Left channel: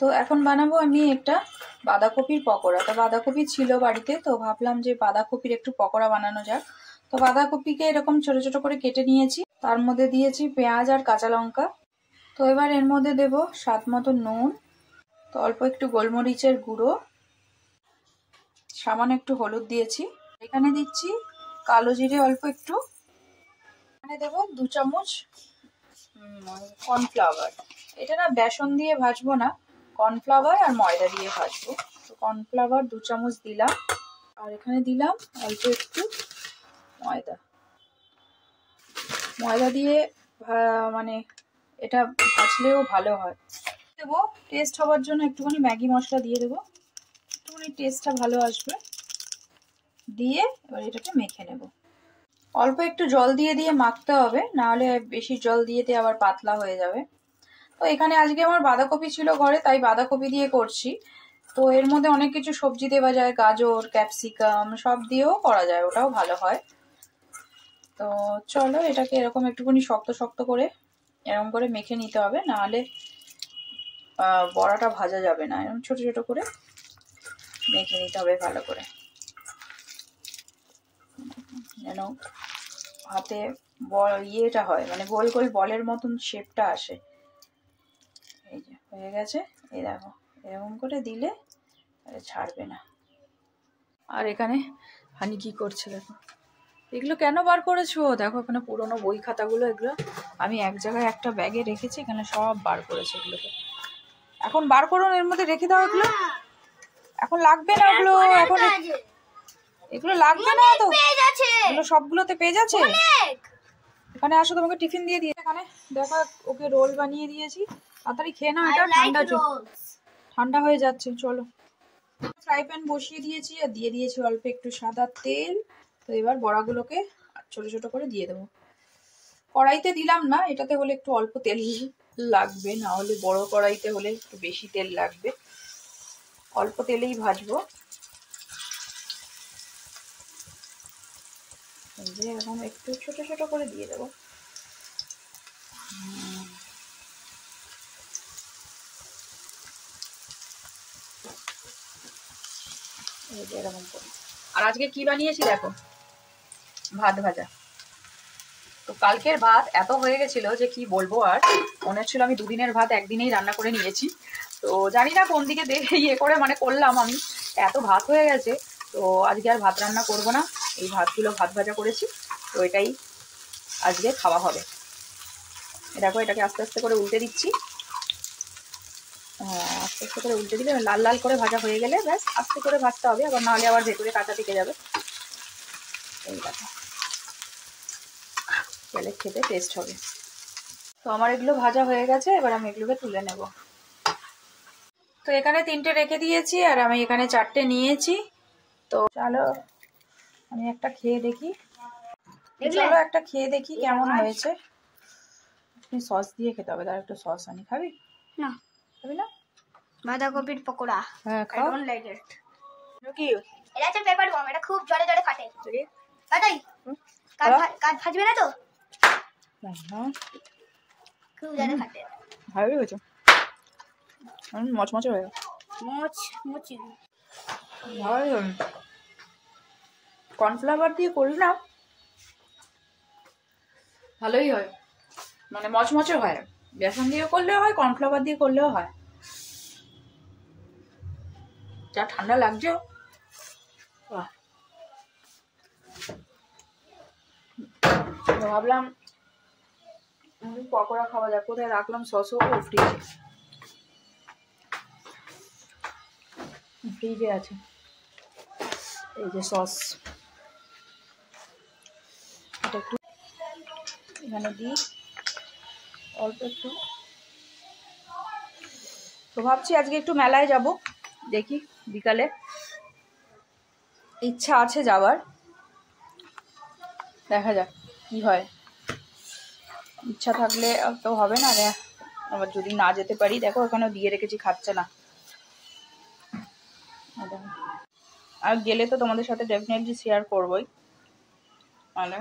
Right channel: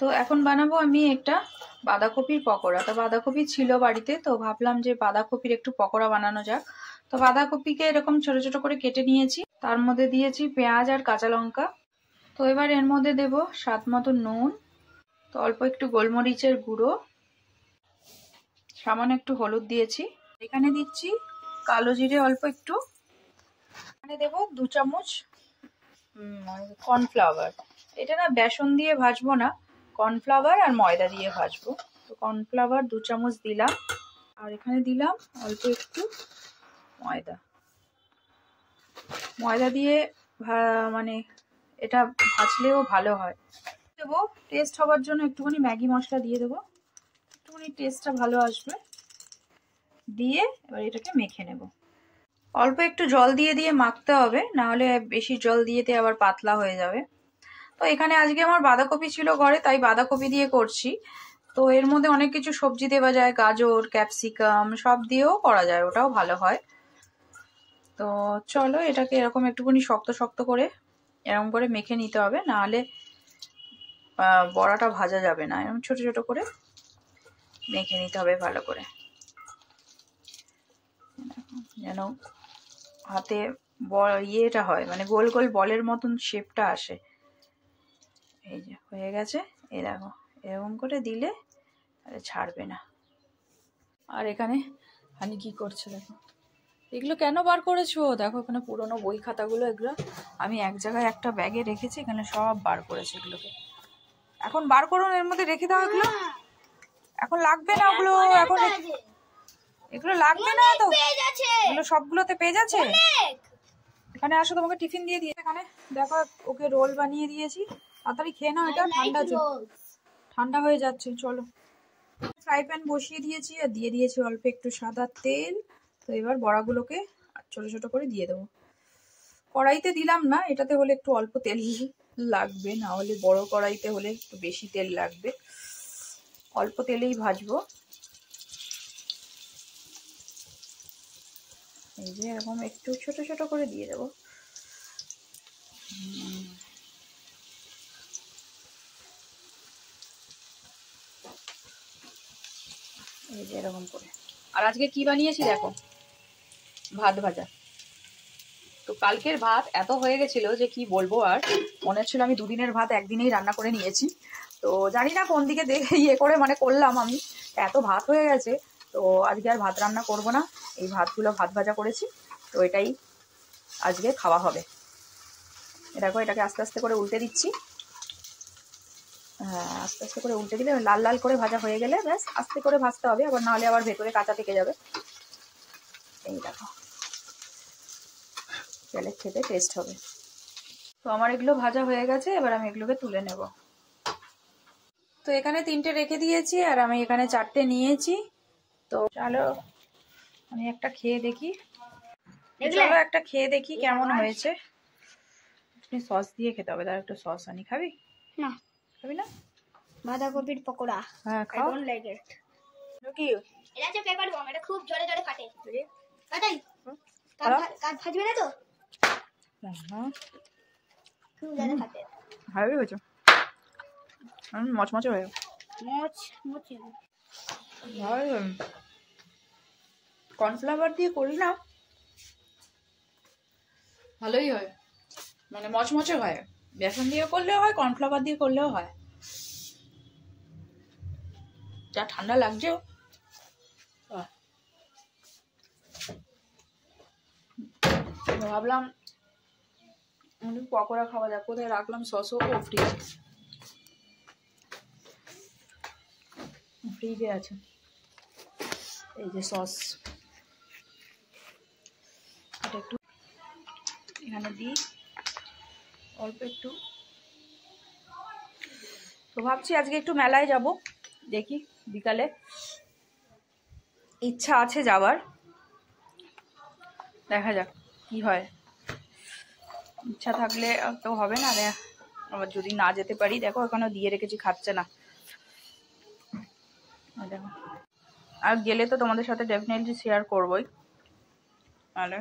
তো এখন বানাবো আমি একটা বাঁধাকপির পকোড়া। তো বাঁধাকপি ছিল বাড়িতে, তো ভাবলাম যে বাঁধাকপির একটু পকোড়া বানানো যাক। তো বাঁধাকপিকে এরকম ছোট ছোট করে কেটে নিয়েছি, তার মধ্যে দিয়েছি পেঁয়াজ আর কাঁচা লঙ্কা। তো এবার এর মধ্যে দেব স্বাদ মতো নুন, তো অল্প একটু গোলমরিচের গুঁড়ো, সামান্য একটু হলুদ দিয়েছি। এখানে দিচ্ছি কালো জিরে অল্প একটু, এখানে দেব 2 চামচ কর্নফ্লাওয়ার। এটা না বেসন দিয়ে ভাজবো না, কর্নফ্লাওয়ার আর ময়দা দিয়ে ভাজবো। তো কর্নফ্লাওয়ার 2 চামচ দিলাম, আর এখানে দিলাম অল্প একটু ময়দা। ময়দা দিয়ে মানে এটা ভাজলেও ভালো হয়। দেবো টেস্ট হওয়ার জন্য একটুখানি ম্যাগি মশলা দিয়ে দেবো, একটুখানি টেস্টটা ভালো আসবে। দিয়ে এবার এটাকে মেখে নেব। অল্প একটু জল দিয়ে দিয়ে মাখতে হবে, নাহলে বেশি জল দিয়ে দিয়ে আবার পাতলা হয়ে যাবে। তো এখানে আজকে আমার বাঁধাকপি ছিল ঘরে, তাই বাঁধাকপি দিয়ে করছি। তো এর মধ্যে অনেক কিছু সবজি দেওয়া যায়, গাজর, ক্যাপসিকাম সব দিয়েও করা যায়, ওটাও ভালো হয়। তো চলো এটাকে এরকম একটুখানি শক্ত শক্ত করে এরকম করে মেখে নিতে হবে, নাহলে বড়াটা ভাজা যাবে না। এরকম ছোট ছোট করে মেখে নিতে হবে ভালো করে, যেন হাতে ইয়েটা হয়, মানে গোল গোল বলের মতন শেপটা আসে। এই যে হয়ে গেছে, এই দেখো এরকম করে দিলে ছাড়বে না। আর এখানে হানি কি করছে দেখো, এগুলো কেন বার করেছো? দেখো এখানে পুরোনো বই খাতাগুলো, এগুলো আমি এক জায়গায় একটা ব্যাগে রেখেছি, এখানে সব বার করেছে। এগুলোকে এখন বার করুন, এর মধ্যে রেখে দাও। এগুলো এখন লাগবে না, ওগুলো এখন এগুলো লাগবে না। তো এগুলো সবগুলোতে পেজ আছে। এখানে আসো, তোমাকে টিফিন দিয়ে দিয়ে। এখানে দেখো ওকে রোল বানিয়ে দিয়েছি, তাড়াতাড়ি খেয়ে নাও, এটা ঠান্ডা হয়ে যাচ্ছে। চলো ফ্রাই প্যান বসিয়ে দিয়েছি, আর দিয়ে দিয়েছি অল্প একটু সাদা তেল। তো এবার বড়াগুলোকে ছোট ছোট করে দিয়ে দেবো। কড়াইতে দিলাম না, এটাতে হলে একটু অল্প তেল লাগবে, না হলে বড় কড়াইতে হলে একটু বেশি তেল লাগবে। অল্প তেলেই ভাজবো। এই যে এরকম একটু ছোট ছোট করে দিয়ে দেবো। এই যে এরকম করে। আর আজকে কি বানিয়েছি দেখো, ভাত ভাজা। তো কালকের ভাত এত হয়ে গেছিল যে কি বলবো, আর মনে হচ্ছিল আমি 2 দিনের ভাত একদিনেই রান্না করে নিয়েছি। তো জানি না কোন দিকে দেখে ইয়ে করে মানে করলাম আমি, এত ভাত হয়ে গেছে। তো আজকে আর ভাত রান্না করব না, এই ভাতগুলো ভাত ভাজা করেছি, তো এটাই আজকে খাওয়া হবে। দেখো এটাকে আস্তে আস্তে করে উল্টে দিচ্ছি। আস্তে আস্তে করে উল্টে দিলে লাল লাল করে ভাজা হয়ে গেলে ব্যাস, আস্তে করে ভাজতে হবে, আবার নাহলে আবার ভেতরে কাঁচা থেকে যাবে। এই দেখো তাহলে খেতে টেস্ট হবে। তো আমার এগুলো ভাজা হয়ে গেছে, এবার আমি এগুলোকে তুলে নেব। তো এখানে 3টে রেখে দিয়েছি, আর আমি এখানে 4টে নিয়েছি। তো চলো আমি একটা খেয়ে দেখি। চলো একটা খেয়ে দেখি কেমন হয়েছে। সস দিয়ে খেতে হবে, তার একটু সস আনি। খাবি না? খাবি না? বাঁধাকপির পকোড়া। হ্যাঁ খাও। I don't like it. কি এটা হচ্ছে পেপার বম, এটা খুব জোরে জোরে ফাটে। ফাটাই? কাট ফাটবে না তো? খুব জোরে ফাটে। ভালোই হয়েছে, মচমচে হয়ে মচমচি। ভালোই হবে। কর্নফ্লাওয়ার দিয়ে করি না, ভালোই হয়, মানে মচমচে হয়। বেসন দিয়ে করলেও হয়, কর্নফ্লাওয়ার দিয়ে করলেও হয়। যা ঠান্ডা লাগছে, ভাবলাম পকোড়া খাওয়া যাক। কোথায় রাখলাম সসও? ফ্রিজে আছে। এই যে সস, এটা একটু এখানে দিই অল্প একটু। তো ভাবছি আজকে একটু মেলায় যাব, দেখি বিকালে ইচ্ছা আছে যাওয়ার, দেখা যাক কি হয়। ইচ্ছা থাকলে তো হবে না, আবার যদি না যেতে পারি। দেখো এখানেও দিয়ে রেখেছি, খাচ্ছে না। আর গেলে তো তোমাদের সাথে ডেফিনেটলি শেয়ার করবোই, তাহলে